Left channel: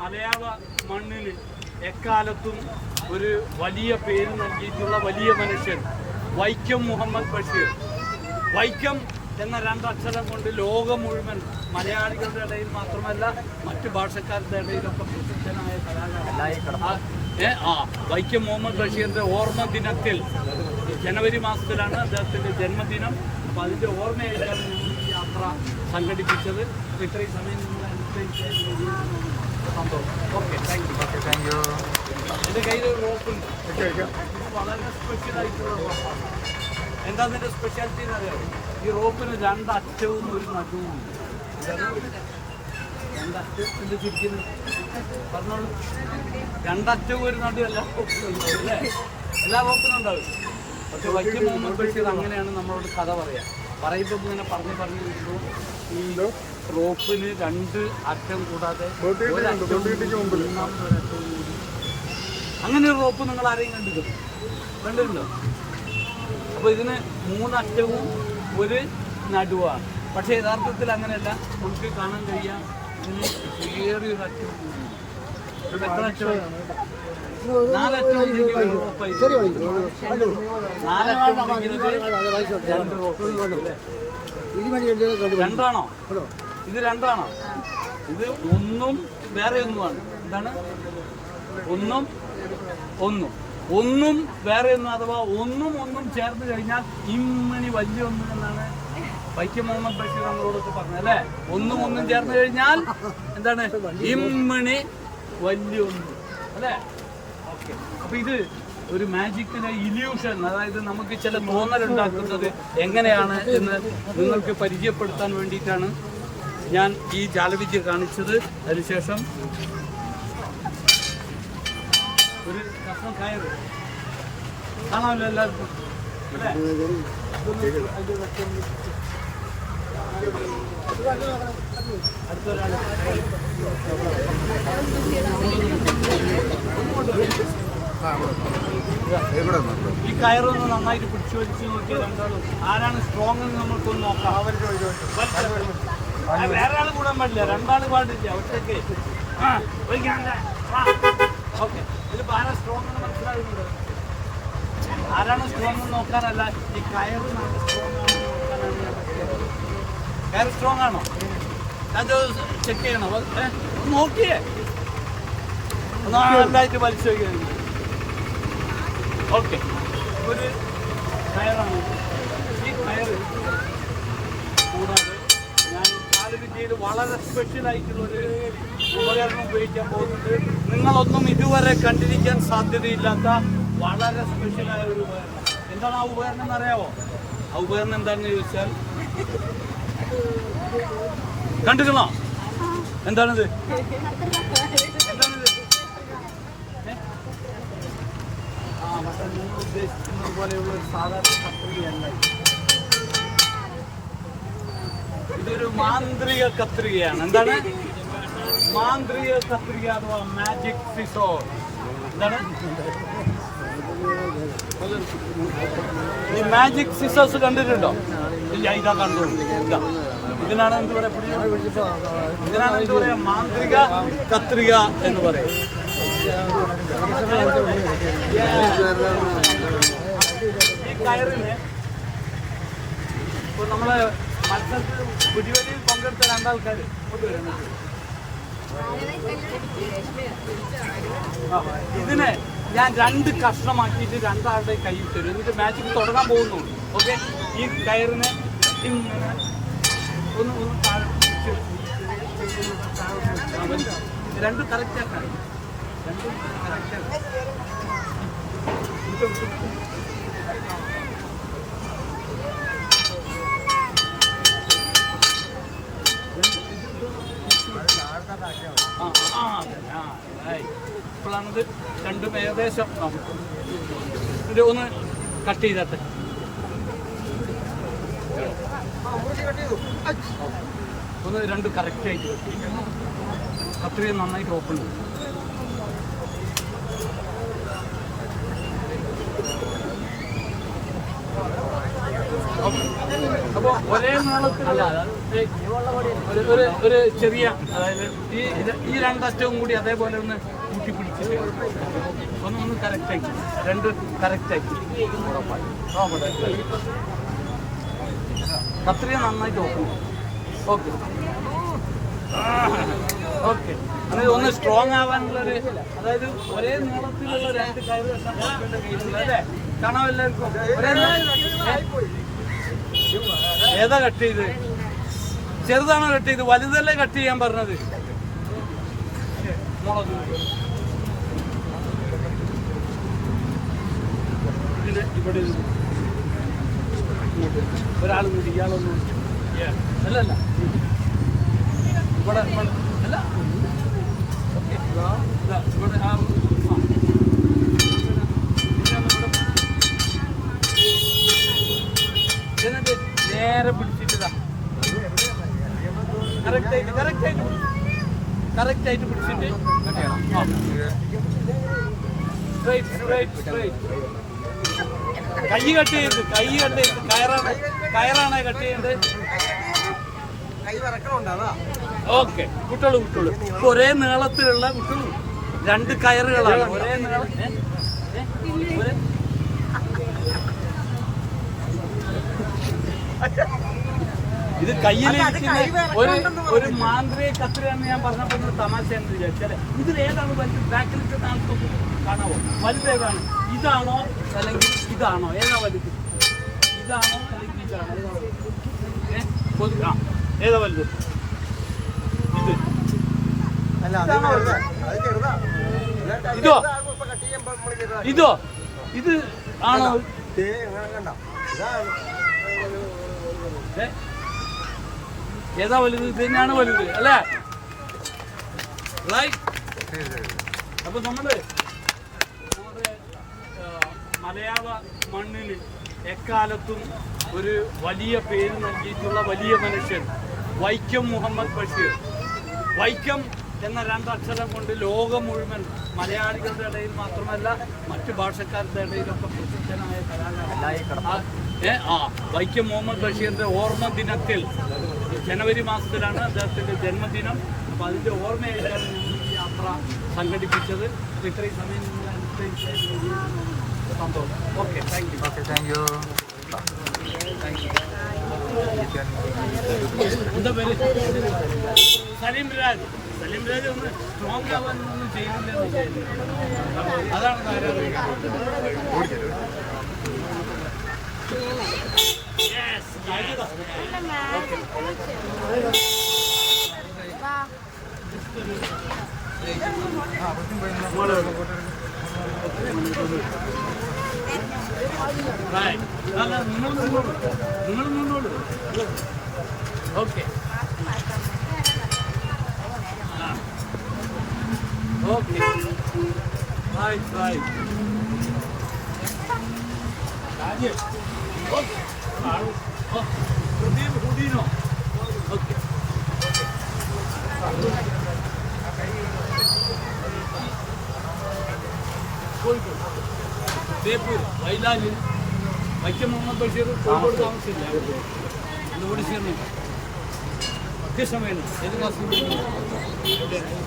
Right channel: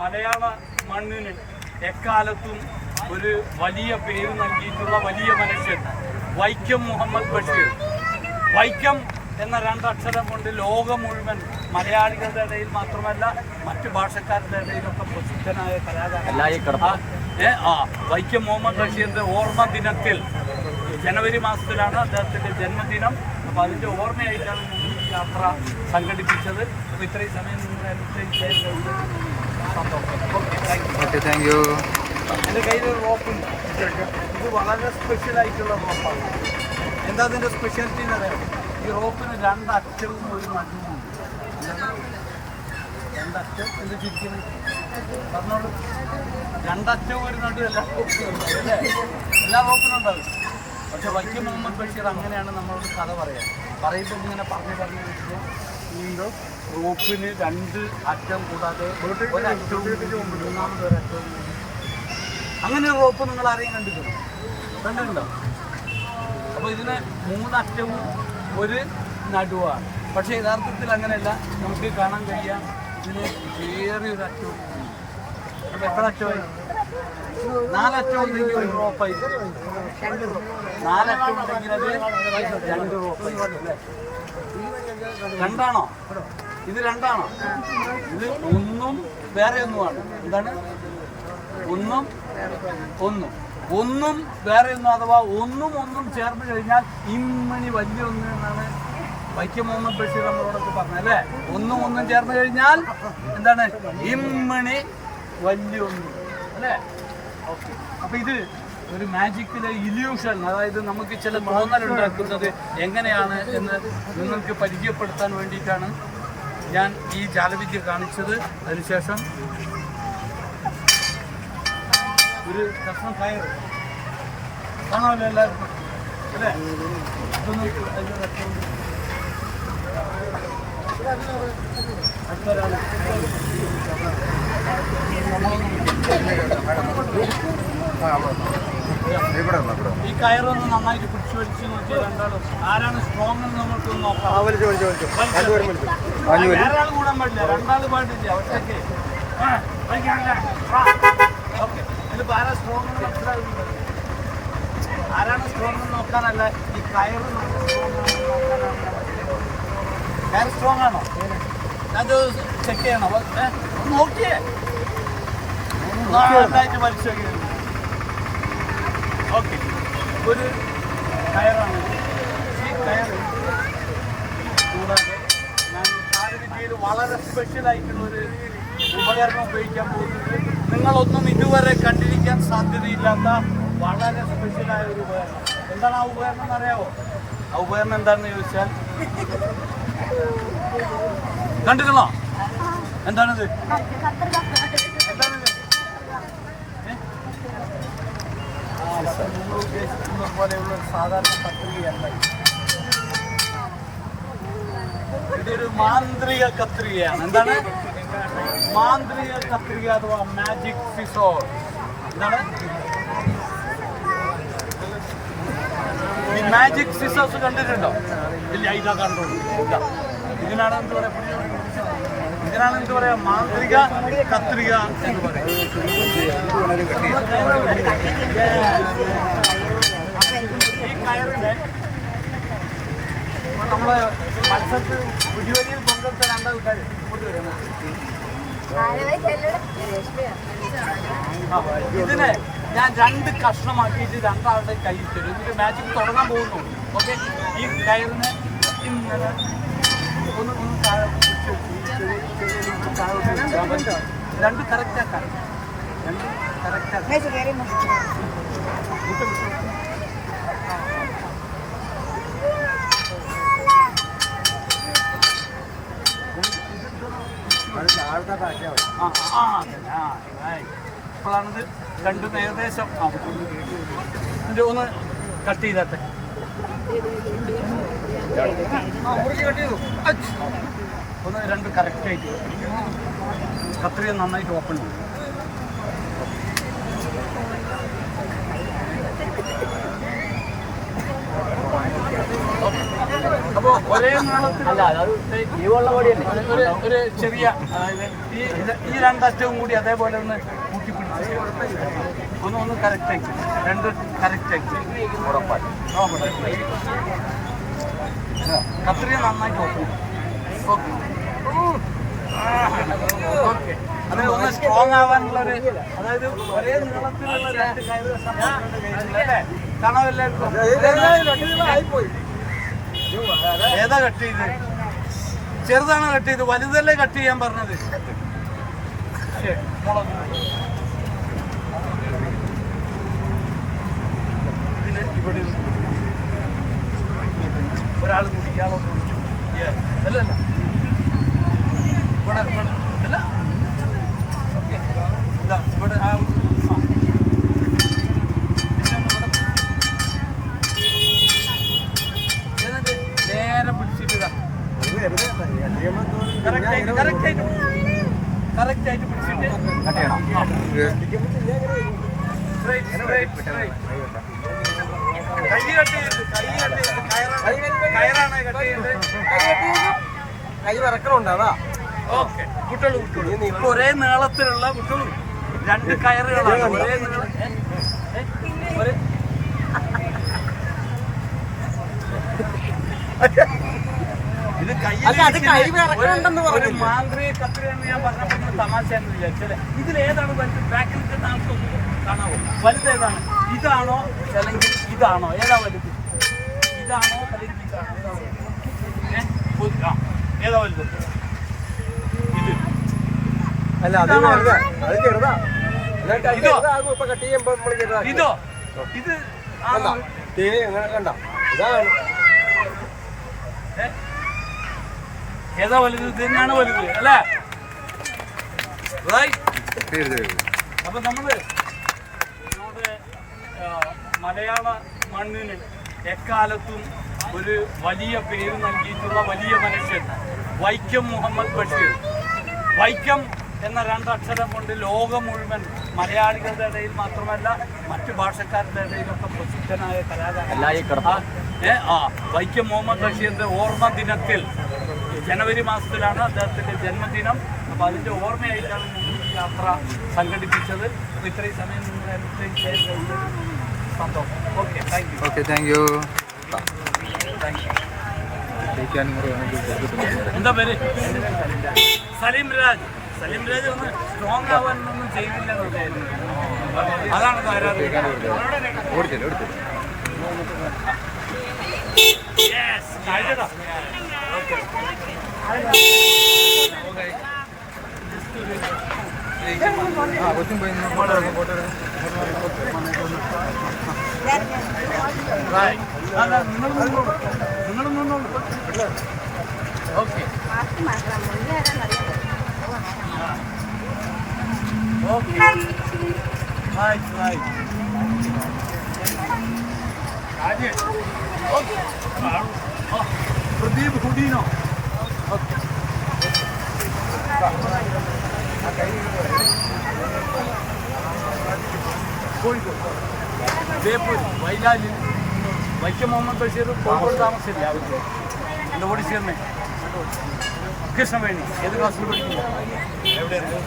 മലയാള മണ്ണിന് എക്കാലത്തും ഒരു വലിയ പേര് നൽകിയിട്ടുള്ള വലിയ മനുഷ്യൻ വൈക്കം മുഹമ്മദ് ബഷീർ. വൈക്കം എന്ന രണ്ടക്ഷരം കൊണ്ട് ലോകം മുഴുവൻ മലയാളികളുടെ ഇടയിൽ മാത്രമല്ല മറ്റ് ഭാഷക്കാരുടെ ഇടയിലൊക്കെ പ്രസിദ്ധനായ കലാകാരൻ. വൈക്കം മുഹമ്മദ് ബഷീറിന്റെ ഓർമ്മ ദിനത്തിൽ ജനുവരി മാസത്തിലാണ് അദ്ദേഹത്തിന്റെ ജന്മദിനം. അപ്പോൾ അതിന്റെ ഓർമ്മയായിട്ടാണ് ഞങ്ങൾ ഈ യാത്ര സംഘടിപ്പിച്ചത്. അപ്പോൾ ഇത്രയും സമയം നിങ്ങൾ എന്തെങ്കിലും ചെയ്യാൻ കഴിഞ്ഞത് സന്തോഷം. Okay, thank you. എൻ്റെ കയ്യിലൊരു റോപ്പുണ്ട്. ഇത് വളരെ സ്പെഷ്യലായിട്ടുള്ള റോപ്പാണ്. എന്താ അതിൻ്റെ സ്പെഷ്യാലിറ്റി എന്നറിയാമോ? ഈ റോപ്പിന് രണ്ടറ്റവും ഒരു നടുവും. രണ്ടറ്റം എന്ത് ചിരിക്കുന്നു പറഞ്ഞോളൂ. രണ്ടറ്റവും ഒരു നടു എല്ലാ റോപ്പിനും ഉണ്ടാവും അല്ലേ? എല്ലാ റോപ്പിനും ഉണ്ടാവും. പക്ഷെ വൈക്കം മുഹമ്മദ് ബഷീർ അങ്ങനെയാണ് നമ്മളോട് കഥ പറയുമ്പോൾ ഇങ്ങനെ പറഞ്ഞു വരുമ്പോൾ ഈ റോപ്പിന് രണ്ട് അറ്റം കൂടാതെ ഒരറ്റവും മൂന്നാമത് ഒരറ്റവും കൂടി അങ്ങനെ ഒരു റോപ്പ് നിങ്ങൾ ആരെയും കണ്ടിട്ടുണ്ടോ? അപ്പോൾ ഇതിന് മൂന്നറ്റവും ഒരു നടുവാണ്. പക്ഷേ യഥാർത്ഥത്തിൽ അങ്ങനെയല്ല. നമുക്ക് കാണാൻ കഴിയാം ഇതിന് വേറൊരു അറ്റവും കൂടി. അപ്പോൾ എത്ര അറ്റമായി? നാലറ്റം ഉണ്ടെങ്കിൽ ഒരു റോപ്പായി. നാലറ്റം ഉണ്ടെങ്കിൽ അത് രണ്ട് റോപ്പായി അല്ലേ? രണ്ടാണോ? ഇത് രണ്ടാണോ? ഇത് ഒന്നും വേറെ ഒന്നുമാണ്. എന്താണ്? ഒന്നും വേറെ ഒന്നും, അഥവാ ഒന്നും ചേർന്ന് കഴിഞ്ഞാൽ ഇമ്മണി വലിയ ഒന്ന് എന്നാണ് വൈക്കം മുഹമ്മദ് ബഷീർ നമ്മളോടൊക്കെ പറഞ്ഞത് അല്ലേ? ഒന്നും ചേർന്ന് കഴിഞ്ഞാൽ എന്താണ്? ഇമ്മണി വലിയ ഒന്ന് അല്ലേ? ഓക്കെ. അപ്പൊ ഇത് ഒരു മാജിക്കിലെ ഇല്യൂഷൻ, അതായത് നമുക്ക് ചില തോന്നലുണ്ടാക്കുന്നത് എങ്ങനെയാണ് എന്ന് നിങ്ങൾക്ക് പരിചയപ്പെടുത്താൻ വേണ്ടിയിട്ടാണ് ഞാൻ ഈ ജാലവിദ്യ കാണിച്ചത്. അതിനുശേഷം ഒരു കഷ്ണം കയറ് കാണാമല്ലോ എല്ലാവർക്കും അല്ലേ? ഇതൊന്നും അതിൻ്റെ അടുത്തൊരാൾ ഈ കയറൊന്ന് നന്നായിട്ട് പിടിച്ചു വലിച്ച് നോക്കിയാൽ രണ്ടാളും ആരാണ് സ്ട്രോങ് എന്ന് നമുക്കൊന്ന് നോക്കാം. വേറെ ആൾ കൂടാൻ പാടില്ല, രണ്ടാൾ പാടില്ല, ഒറ്റയ്ക്ക്. ഓക്കെ, ഇതിപ്പോൾ ആരാ സ്ട്രോങ് എന്ന് മനസ്സിലാകുന്നുണ്ടോ? ആരാണ് സ്ട്രോങ് എന്ന് നോക്കാനല്ല, ഈ കയറ് നല്ല സ്ട്രോങ് ആണെന്ന് നോക്കാനാണ് ഞാൻ പറ്റില്ല. കയർ സ്ട്രോങ് ആണോ? അത് ചെക്ക് ചെയ്യണോ? ഒന്ന് നോക്കിയേ, നന്നായിട്ട് വലിച്ചു നോക്കിയത്. ഓക്കെ, ഒരു കയറാണിത്. ഈ കയറ് കൂടാതെ ഞാൻ ജാലവിദ്യയിൽ വളരെ സ്പെഷ്യലായിട്ടുള്ളൊരു ഉപകരണം ഉപയോഗിക്കാൻ പോകുന്നത് നിങ്ങളൊന്നും ഇതുവരെ കണ്ടിരിക്കാൻ സാധ്യതയില്ലാത്ത വളരെ സ്പെഷ്യലായ ഒരു ഉപകരണം. എന്താണ് ആ ഉപകരണം എന്ന് അറിയാമോ? ആ ഉപകരണം എന്താണെന്ന് ചോദിച്ചാൽ കണ്ടിരുന്നോ? എന്താണിത്? പക്ഷെ നിങ്ങൾ ഉദ്ദേശിക്കുന്നത് പോലെയുള്ള ഒരു സാധാരണ കത്രികയല്ല. ഇതൊരു മാന്ത്രിക കത്രികയാണ്. എന്താണ് മാന്ത്രിക കത്രിക അഥവാ മാജിക് സിസോർ? എന്താണ് ഈ മാജിക് സിസോഴ്സ് കണ്ടിട്ടുണ്ടോ? ഇല്ല, ഇതാ കണ്ടോളൂ. ഇതിനാണ് എന്ത് പറയാ? മാന്ത്രിക കത്രിക എന്ന് പറയും. ഈ കയറിന് ഇപ്പൊ നമ്മള് മത്സരത്തിൽ പുതിയവലിയിൽ പങ്കെടുത്ത രണ്ടാൾക്കാർ ഇതിനെ ഞാൻ രണ്ട് കഷ്ണമാക്കിയിട്ട് രണ്ടാളുടെ കയ്യിൽ തരും. എന്നിട്ട് മാജിക് തുടങ്ങാൻ പോകുന്നു. ഓക്കെ, ഈ കയറിന് ഇങ്ങനെ ഒന്ന് താഴെ രണ്ടും കറക്റ്റാക്കാൻ വിട്ടു ഇപ്പോഴാണിത് രണ്ടും ഏകദേശം ഇത് ഒന്ന് കട്ട് ചെയ്താട്ടെ. ഒന്ന് രണ്ട് കറക്റ്റായിട്ട് കത്രിക നന്നായിട്ട് ഓപ്പൺ ചെയ്യും. ഓക്കെ, അപ്പോൾ ഒരേ നീളത്തിലുള്ള ഒരു ചെറിയ, അതായത് ഈ രണ്ടറ്റവും കൂടി അതേപോലെ ഒന്ന് കൂട്ടി പിടിച്ചിട്ട് ഒന്ന് കറക്റ്റാക്കി, രണ്ട് കറക്റ്റാക്കി കത്രിക നന്നായിട്ട് ഓപ്പൺ ചെയ്യും. Okay okay. അത് ഒന്ന് സ്ട്രോങ് ആവാനുള്ളൊരു, അതായത് ഒരേ നീളത്തിലുള്ള രണ്ട് കയറ് അല്ലേ? കാണാൻ എല്ലാവർക്കും ഒരേ ഏതാ കട്ട് ചെയ്ത്? ചെറുതാണോ കട്ട് ചെയ്ത്? വലുതല്ലേ കട്ട് ചെയ്യാൻ പറഞ്ഞത്? മുളക് ഇതിന് ഇവിടെ ഒരാൾ കൂടി, ഇയാളൊന്നും അല്ലല്ല ഇവിടെ അല്ല. ഓക്കെ ഇതാ ഇവിടെ എന്നിട്ട് നേരെ പിടിച്ചിട്ടാ കറക്റ്റായിട്ട് പിടിച്ചിട്ട് കൈ കട്ട് ചെയ്ത് കയറാണ് കട്ട് ചെയ്യേണ്ടത്. ഓക്കെ വിട്ടോളൂ. ഇപ്പൊ ഒരേ നീളത്തിലുള്ള വിട്ടോളൂ രണ്ട് കയറുകളാണ്. ഒരേ ഇത് കയ്യിൽ ഒരു മാന്ത്രിക കത്രിയാന്ന് ഞാൻ പറഞ്ഞപ്പോൾ തമാശയാണെന്ന് വിചാരിച്ചല്ലേ. ഇതിലേതാണ് വലുത്? ബാക്കിൽ ആൾക്കൊക്കെ കാണാവോ? വലുതേതാണ്? ഇതാണോ അല്ലെങ്കിൽ ഇതാണോ? ഏതാ വലുത്? ഇതാണോ അല്ലെങ്കിൽ ഇതാണോ? ഏതാ വലുത്? ഇത് ഇതോ ഇതോ ഇത് ആണോ? ഏതാ വലുത്? ഇത് തന്നെയാണ് വലുത് അല്ലേ? അപ്പൊ നമ്മുടെ മലയാള മണ്ണിന് എക്കാലത്തും ഒരു വലിയ പേര് നൽകിയിട്ടുള്ള വലിയ മനുഷ്യൻ വൈക്കം മുഹമ്മദ് ബഷീർ. വൈക്കം എന്ന രണ്ടക്ഷരം കൊണ്ട് ലോകം മുഴുവൻ മലയാളികളുടെ ഇടയിൽ മാത്രമല്ല മറ്റ് ഭാഷക്കാരുടെ ഇടയിലൊക്കെ പ്രസിദ്ധനായ കലാകാരൻ വൈക്കം മുഹമ്മദ് ബഷീറിന്റെ ഓർമ്മ ദിനത്തിൽ ജനുവരി മാസത്തിലാണ് അദ്ദേഹത്തിന്റെ ജന്മദിനം. അപ്പോൾ അതിന്റെ ഓർമ്മയായിട്ടാണ് ഞങ്ങൾ ഈ യാത്ര സംഘടിപ്പിച്ചത്. അപ്പോൾ ഇത്രയും സമയം നിങ്ങൾ എക്സ്പ്ലെയിൻ ചെയ്യാൻ കഴിഞ്ഞത് സന്തോഷം. Okay, thank you. Thank you. എന്താ പേര്? സലീം രാജ്. സലീം രാജ് ഒന്ന് സ്ട്രോങ് ആവാനൊന്നും ചെയ്തില്ലെന്നല്ലേ? അതാണ് തകരാറ്. നിങ്ങൾ നിന്നോളൂ. Okay okay. പ്രദീപ് ഹുഡീനോ? ഓക്കെ. കോഴിക്കോട്, ബേപ്പൂർ, വയലാലിൽ വൈക്കം മുഹമ്മദ് ബഷീർ കോഴിക്കോട് താമസിച്ചില്ല. അവർക്ക് എൻ്റെ ഓടിച്ചേർന്നെ കൃഷ്ണവേണി. ഏത് ക്ലാസ്സിൽ പഠിക്കുന്നു? എവിടെയാണ്?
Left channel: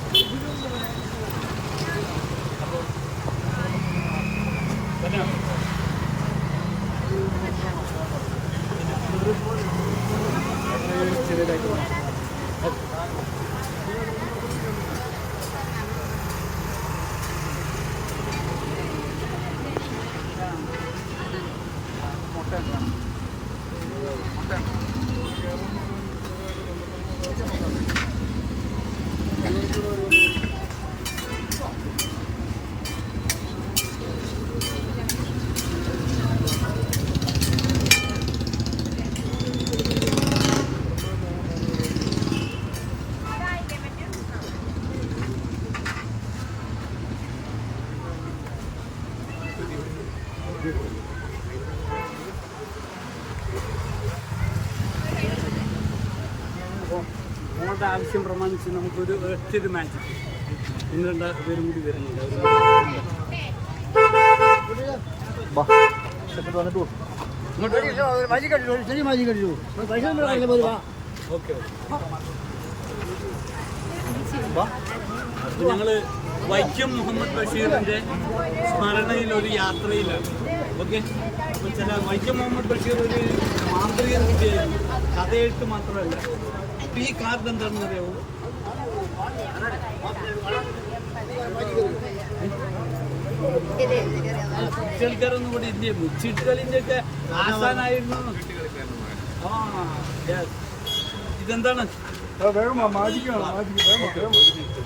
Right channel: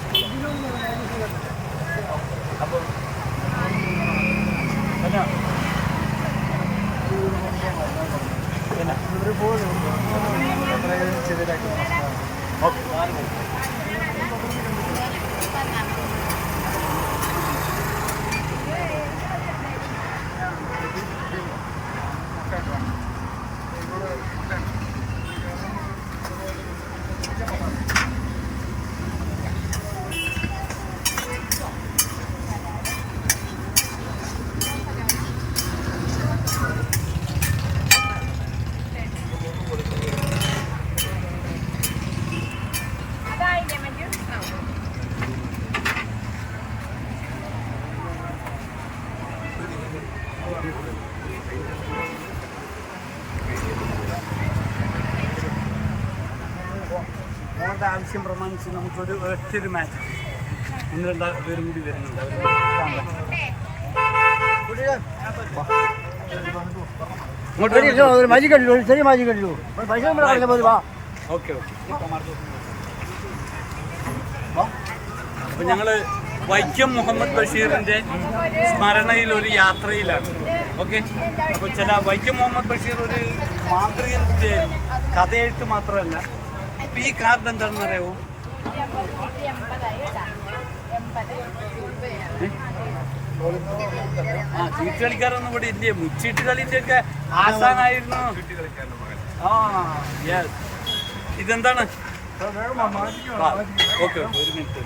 അപ്പോൾ തന്നെ ചെറിയതായിട്ട് ഓക്കെ. ഓണത്തെ ആവശ്യം പ്രമാണിച്ച് നമുക്കൊരു ഒറ്റൊരു മാച്ച് ഒന്ന് രണ്ട് പേരും കൂടി വരുന്നുണ്ട്. അവർ ചെറിയ മാജി കണ്ടു പൈസ ഓക്കെ അപ്പൊ ഞങ്ങള് വൈക്കം മുഹമ്മദ് ബഷീറിന്റെ സ്മരണയിൽ ഒരു യാത്രയിലാണ്. ഓക്കെ, അപ്പൊ ചില വൈക്കം മുഹമ്മദ് ബഷീർ ഒരു മാന്ത്രികൻ കൂടിയായിരുന്നു, കഥയെഴുത്ത് മാത്രമല്ല. അപ്പൊ ഈ കാർഡ് എന്താണെന്ന് അറിയാവോ? ആ, ചീട്ട് കളിക്കാരൊന്നും ഇവിടെ ഇല്ലേ? മുച്ചീട്ട് കളിന്റെ ഒക്കെ ആസാനായിരുന്നു. ആ യെസ്. ഇതെന്താണ്? ഓക്കെ, ഒരു മിനിറ്റ്.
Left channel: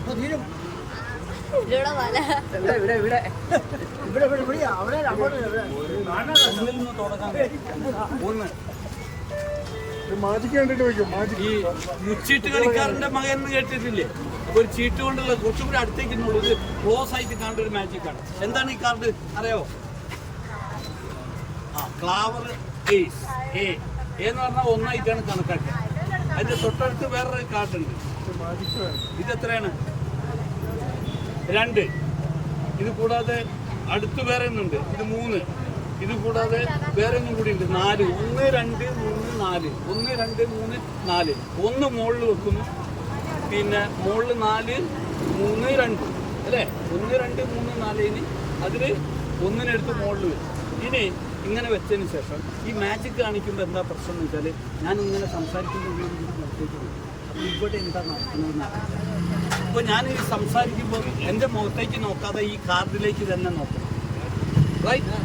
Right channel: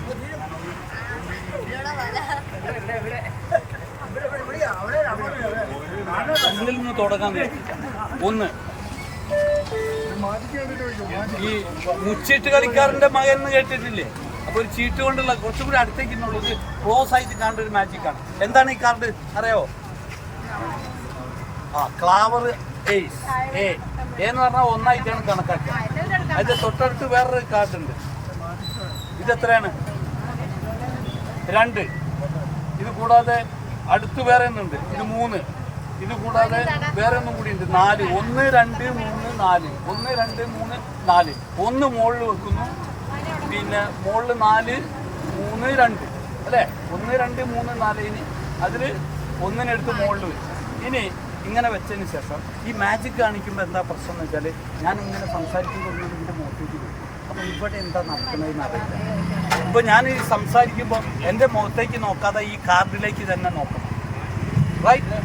ഒന്നിൽ നിന്ന് തുടങ്ങാൻ ഒന്ന് ഈ മുച്ചീട്ട് കളിക്കാരന്റെ മകൻ എന്ന് കേട്ടിട്ടില്ലേ? അപ്പൊ ഒരു ചീട്ട് കൊണ്ടുള്ള കുറച്ചും കൂടി അടുത്തേക്കുന്നുള്ളൂ, ഒരു ക്ലോസ് ആയിട്ട് കാണേണ്ട ഒരു മാജിക്കാണ്. എന്താണ് ഈ കാർഡ് അറിയാവോ? ആ, ക്ലാവർ ഏസ്. എന്ന് പറഞ്ഞാൽ ഒന്നായിട്ടാണ് കണക്കാക്കുക. അതിന്റെ തൊട്ടടുത്ത് വേറൊരു കാർഡ് ഉണ്ട്. ഇതെത്രയാണ്? 2. ഇത് കൂടാതെ അടുത്ത് വേറെ ഒന്നുണ്ട്. ഇത് 3. ഇത് കൂടാതെ വേറെ ഒന്നും കൂടി ഉണ്ട്. 4. 1 2 3 4. 1 2 3 4. 1 മുകളിൽ വെക്കുന്നു, പിന്നെ മുകളിൽ 4 3 2 അല്ലേ? 1 2 3 4. ഇനി അതിൽ ഒന്നിനെടുത്ത് മുകളിൽ വെച്ചു. ഇനി ഇങ്ങനെ വെച്ചതിന് ശേഷം ഈ മാജിക് കാണിക്കുമ്പോൾ എന്താ പ്രശ്നം എന്ന് വെച്ചാൽ, ഞാൻ ഇങ്ങനെ സംസാരിക്കുമ്പോൾ ഇതിൻ്റെ മുഖത്തേക്ക് വരും. അപ്പോൾ ഇവിടെ എന്താ നടക്കുന്നതെന്ന് അറിയില്ല. അപ്പോൾ ഞാൻ ഈ സംസാരിക്കുമ്പോൾ എൻ്റെ മുഖത്തേക്ക് നോക്കാതെ ഈ കാർഡിലേക്ക് തന്നെ നോക്കണം. റൈറ്റ്?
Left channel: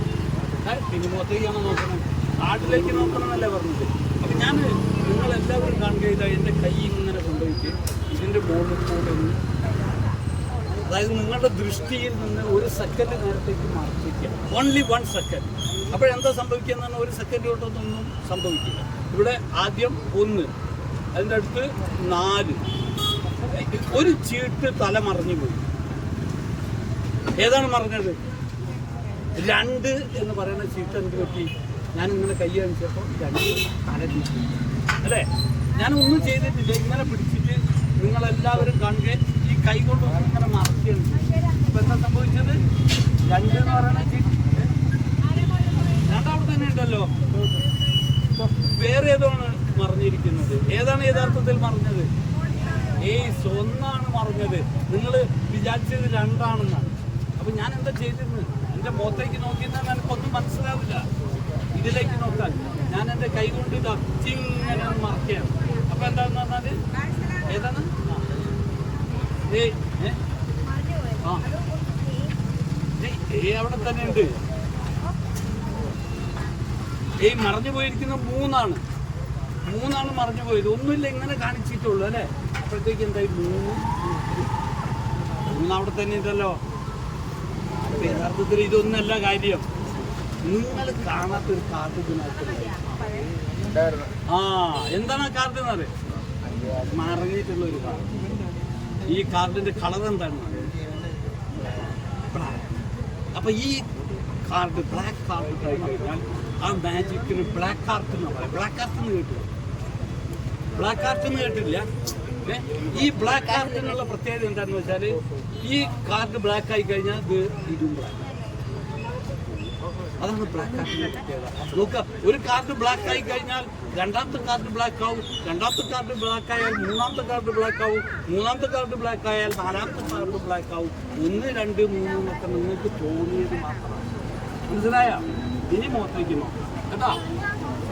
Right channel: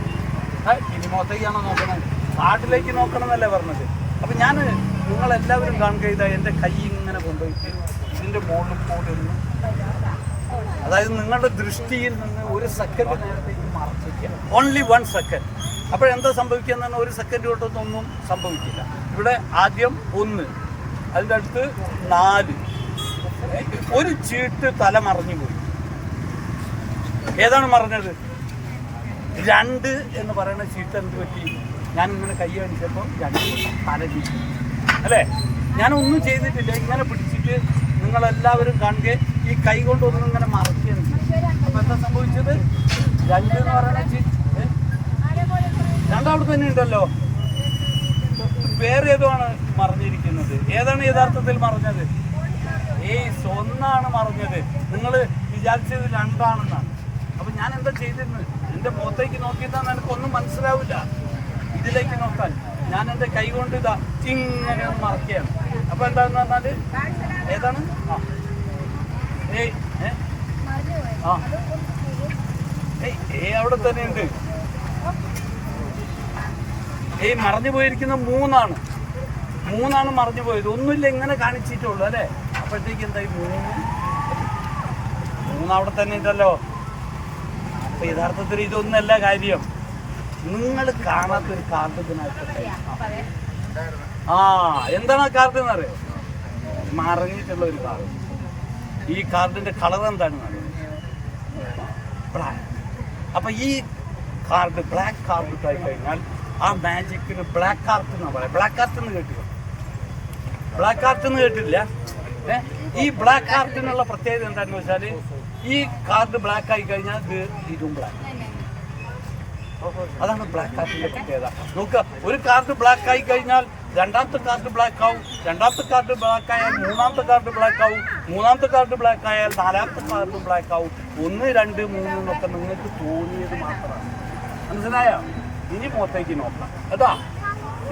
ഇനി മുഖത്തേക്കാണോ നോക്കണം? കാർഡിലേക്ക് നോക്കണം എന്നല്ലേ പറഞ്ഞത്. അപ്പം ഞാൻ നിങ്ങളെല്ലാവരും കാണുക, ഇതാ എൻ്റെ കൈ ഇങ്ങനെ കൊണ്ടുപോയിട്ട് ഇതിൻ്റെ മുകളിൽ കൂടെ ഒന്ന്, അതായത് നിങ്ങളുടെ ദൃഷ്ടിയിൽ നിന്ന് 1 സെക്കൻഡ് നേരത്തേക്ക് മറച്ചിരിക്കുക. Only 1 second. അപ്പോഴെന്താ സംഭവിക്കുക എന്ന് പറഞ്ഞാൽ 1 സെക്കൻഡ് തൊട്ടൊന്നും സംഭവിക്കില്ല. ഇവിടെ ആദ്യം 1, അതിൻ്റെ അടുത്ത് 4. ഒരു ചീട്ട് തല മറിഞ്ഞു പോയി. ഏതാണ് മറിഞ്ഞത്? 2 എന്ന് പറയുന്ന ചീട്ട് എന്ത് പറ്റി? ഞാനിങ്ങനെ കൈ കാണിച്ചപ്പോൾ 2 തല ചീറ്റ് അല്ലേ? ഞാനൊന്നും ചെയ്തിട്ടില്ല. ഇങ്ങനെ പിടിച്ചിട്ട് നിങ്ങളെല്ലാവരും കാണുക, ഈ കൈ കൊണ്ടൊന്നും ഇങ്ങനെ മറക്കുകയും ചെയ്യും. അപ്പം എന്താ സംഭവിച്ചത്? 2 എന്ന് പറയുന്ന ചീട്ട് 2 അവിടെ തന്നെ ഉണ്ടല്ലോ. വേറെ ഏതോ ആണ് മറിഞ്ഞിരിക്കുന്നത്. ഏതാണ് യഥാർത്ഥത്തിൽ മറിഞ്ഞത്? ഒന്നാണ് മറിഞ്ഞത്. നിങ്ങൾ വിചാരിച്ചത് 2 ആണെന്നാണ്. അപ്പം ഞാൻ എന്താ ചെയ്തിരുന്നത്? എൻ്റെ മുഖത്തേക്ക് നോക്കിയെന്നാൽ എനിക്കൊന്നും മനസ്സിലാവില്ല. ഇതിലേക്ക് നോക്കാൻ ഞാൻ എൻ്റെ കൈ കൊണ്ട് ഇതാ ഇങ്ങനെ ഒന്ന് മറക്കുകയാണ്. അപ്പോൾ എന്താണെന്ന് പറഞ്ഞാൽ ഏതാണ്? അവിടെ തന്നെ ഉണ്ട്. മറഞ്ഞു പോയിരിക്കുന്ന 3 ആണ് മറഞ്ഞു പോയത്. ഒന്നുമില്ല, ഇങ്ങനെ കാണിച്ചിട്ടുള്ളൂ അല്ലേ? അപ്പോഴത്തേക്ക് എന്തായി? 3 അവിടെ തന്നെ ഉണ്ടല്ലോ. അപ്പൊ യഥാർത്ഥത്തിൽ ഇതൊന്നല്ല കാര്യം. നിങ്ങൾ കാണാത്തൊരു കാർഡ് ഇതിനകത്തുണ്ടായി. എന്താണ് ആ കാർഡ് എന്നറിയോ? മറഞ്ഞിട്ടുള്ള ഒരു കാർഡ്. ഈ കാർഡിന്റെ കളർ എന്താണെന്ന് അറിയാം? ബ്ലാക്ക്. അപ്പൊ ഈ കാർഡ് ബ്ലാക്ക് കാർഡ് ഇട്ടായി കഴിഞ്ഞാൽ ആ മാജിക്കിന് ബ്ലാക്ക് ആർട്ട് എന്നാ പറയാം. ബ്ലാക്ക് ആർട്ട് എന്ന് കേട്ടില്ല? ബ്ലാക്ക് ആർട്ട് എന്ന് കേട്ടില്ല? ഈ ബ്ലാക്ക് ആർട്ടിനുള്ള പ്രത്യേകത എന്താണെന്ന് വെച്ചാൽ, ഈ കാർഡ് ബ്ലാക്ക് ആയി കഴിഞ്ഞാൽ ഇതും ബ്ലാക്ക്. അതാണ് ബ്ലാക്ക് ആർട്ടിന്റെ പ്രത്യേകത. നോക്കുക, ഒരു കാർഡ് ബ്ലാക്ക് ആയി കഴിഞ്ഞാൽ രണ്ടാമത്തെ കാർഡ് ബ്ലാക്ക് ആവും, രണ്ടാമത്തെ കാർഡ് ബ്ലാക്ക് ആയാൽ മൂന്നാമത്തെ കാർഡ് ബ്ലാക്ക് ആവും, മൂന്നാമത്തെ കാർഡ് ബ്ലാക്ക് ആയാൽ നാലാമത്തെ കാർഡ് ബ്ലാക്ക് ആവും. 1 2 3 എന്നൊക്കെ നിങ്ങൾക്ക് തോന്നിയത് മാത്രമാണ്. മനസ്സിലായോ? ഇനി മുഖത്തേക്ക് നോക്കണം കേട്ടോ.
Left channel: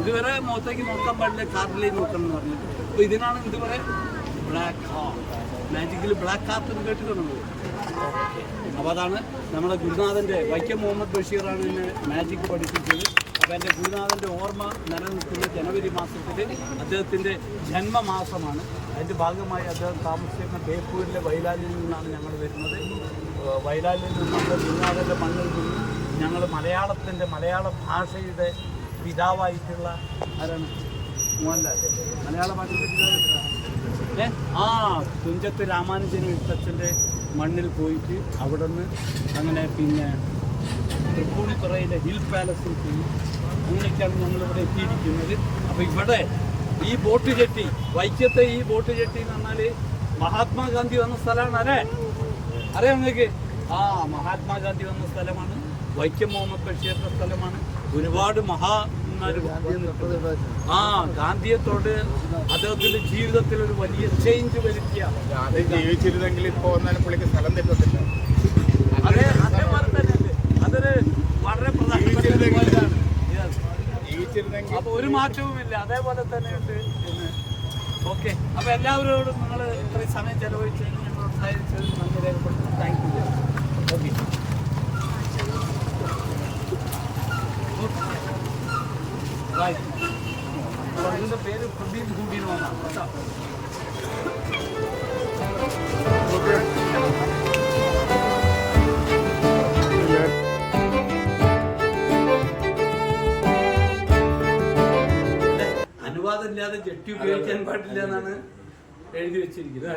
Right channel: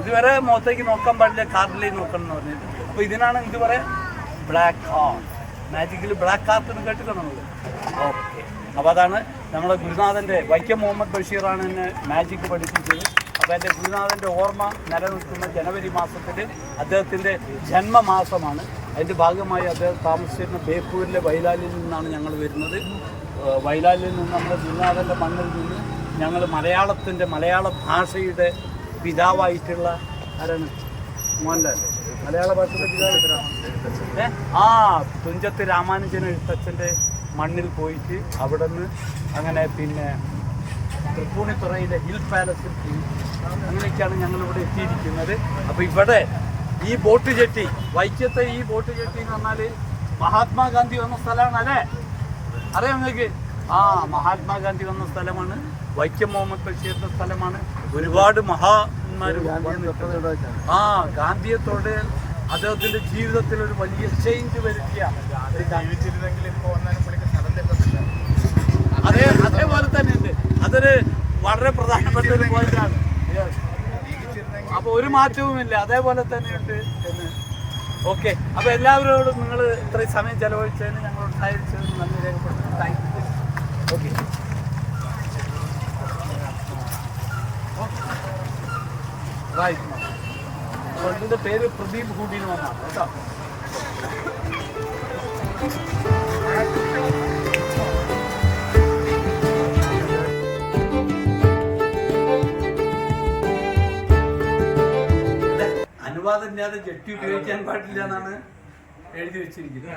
ഇതുവരെ മുഖത്തേക്ക് നോക്കാൻ പാടില്ല, കാർഡിലേക്ക് നോക്കണം എന്ന് പറഞ്ഞിട്ട്. അപ്പോൾ ഇതിനാണ് ഇത് പറയാം ബ്ലാക്ക് ആർട്ട്. മാജിക്കിൽ ബ്ലാക്ക് ആർട്ട് എന്ന് കേട്ടിട്ടുള്ളത്. ഓക്കെ, അപ്പോൾ അതാണ് നമ്മുടെ ഗുരുനാഥൻ്റെ, വൈക്കം മുഹമ്മദ് ബഷീറാണ് എന്നെ മാജിക് പഠിപ്പിച്ചത്. അപ്പോൾ എൻ്റെ ഗുരുനാഥൻ്റെ ഓർമ്മ നിലനിൽക്കുന്ന ജനുവരി മാസത്തിൽ അദ്ദേഹത്തിൻ്റെ ജന്മമാസമാണ്. അതിൻ്റെ ഭാഗമായി അദ്ദേഹം താമസിച്ചിരുന്ന ബേപ്പൂരിലെ വൈലാലിൽ നിന്നാണ് ഞങ്ങൾ വരുന്നത്. വൈലാലിൽ നിന്ന് നമ്മുടെ ഗുരുനാഥൻ്റെ മണ്ണിൽ നിന്ന് ഞങ്ങൾ മലയാള ഭാഷയുടെ പിതാവായിട്ടുള്ള ആരാണ്? മോഹൻലാൽ. മലയാള ഭാഷയുടെ പിതാവ് തുഞ്ചത്ത് രാമാനുജൻ എഴുത്തച്ഛൻ്റെ മണ്ണിൽ പോയിട്ട് അവിടെ നിന്ന് അങ്ങനെ പിന്നെ തൃപ്പൂണിത്തുറയിലെ ഹിൽ പാലസിൽ പോയി. അങ്ങനെയൊക്കെയാണ് ഞങ്ങളിവിടെ എത്തിയിരിക്കുന്നത്. അപ്പോൾ ഇവിടെ ഈ ബോട്ട് ജെട്ടി, വൈക്കത്തെ ഈ ബോട്ട് ജെട്ടി എന്ന് പറഞ്ഞാൽ മഹാത്മാഗാന്ധി വന്ന സ്ഥലമാണ് അല്ലേ? അറിയാം നിങ്ങൾക്ക്? മഹാത്മാഗാന്ധി വന്ന സ്ഥലമാണ്. വൈക്കം മുഹമ്മദ് ബഷീറിൻ്റെ സ്ഥലമാണ്. ഒരുപാട് മഹാന്മാരും വന്നിട്ടുണ്ട്. ആ ഗാന്ധിയെ തൊട്ട് അദ്ദേഹത്തിന്റെ ജീവിതത്തിൽ ഒരു വലിയ ചേഞ്ച് വരുത്തിയ ജീവിച്ചിരുന്നെങ്കിൽ ഇപ്പോൾ വന്നാലും പുള്ളിക്ക് സ്ഥലം തെറ്റത്തില്ല. അതേപോലെ തന്നെയുണ്ട്. അതൊരു വളരെ പ്രധാനപ്പെട്ട ഒരു പോയിന്റാണ്. ജീവിച്ചിരുന്നെങ്കിൽ അപ്പൊ ഒരു മാറ്റവുമില്ല, അതേപോലെ തന്നെയുണ്ട്. ഓക്കെ, അപ്പൊ എല്ലാവരോടും നിങ്ങൾ ഇത്രയും സമയം ചെലവഴിച്ചതിന് ഞങ്ങളോട് സഹായിച്ചതിന് നന്ദി രേഖപ്പെടുത്തുന്നു. Thank you. Okay, bye. എൻ്റെ പേര് പ്രദീപ് ഗുഡിൻ എന്നാണ് കേട്ടോ. അനുവാദമില്ലാതെ ജെട്ടി ഉപയോഗിക്കാൻ പാടില്ല എന്നാണ് എഴുതി വെച്ചിരിക്കുന്നത്.